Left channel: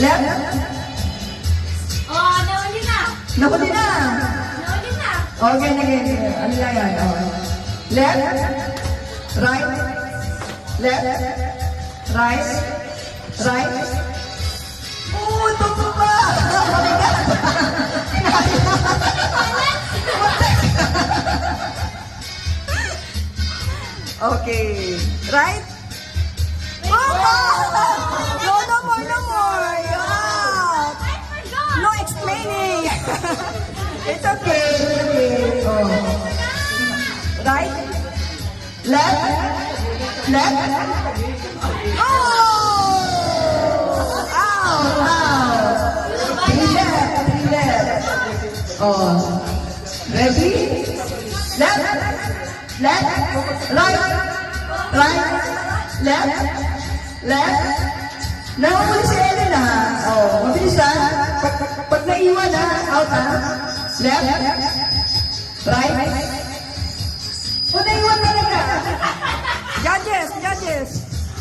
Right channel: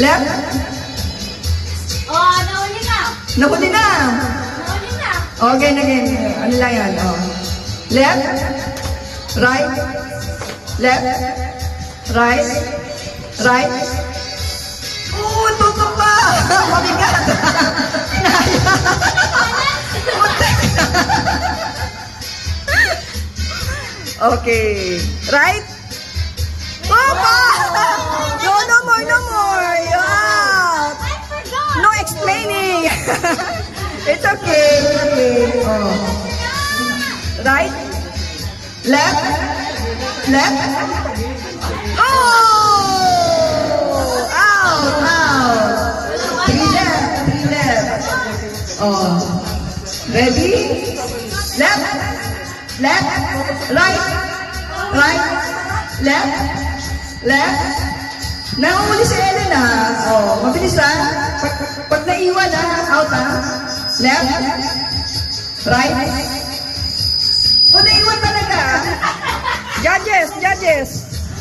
Left. Oh, nahuli na. Nahuli na. Nahuli na. Okay, again. Ano lang yan? Oh. Left. Right. Left. Right. Right. Oh, toto pa. Mabigat. Okay. Right? Papa! No, no more, no more. Yeah. I forgot. No explaining. It's okay. It's okay. Oh. Right? Left? Left? Oh! Out! Out! Three left. Three left. Oh. Ready? Left? Left? Right? Right? Left? Left? Nahuli si Ellen Oh, mabilis Pag naiwan out Left? Right? O naiwan talaga. Judges, judges.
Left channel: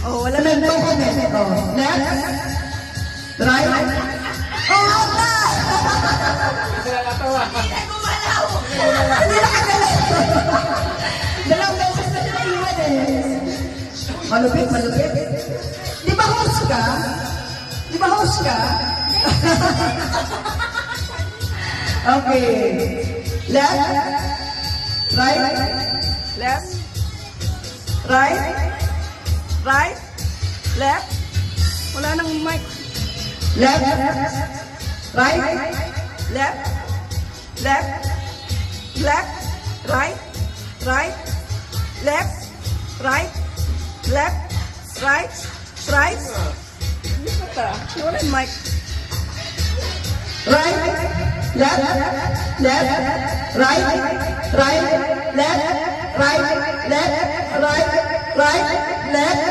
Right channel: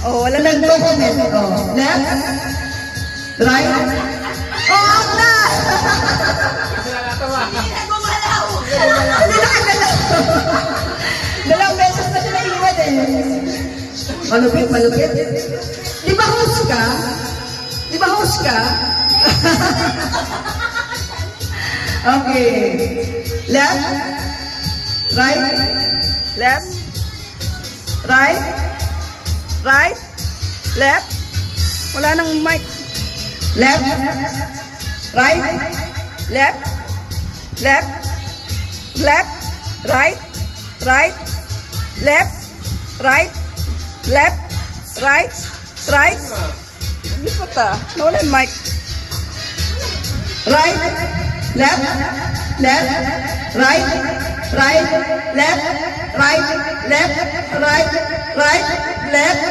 Oh, wala nang comment. Oh, left? Right? Oh, out na! Hindi nakagalaw. Dalawang beses na sila iwan Malupit, malupit. Di ba host ka? Di ba host ka? Okay. Left. Right. Left. Right. Right. Left. Wala nang mic. Left. Right. Left. Left. Left. Right. Right. Left. Right. Left. Right. Right. Lipat nawala yung mic. Right. Left. Left. Right. Right. Left. Right. Left. Right. Right. Left.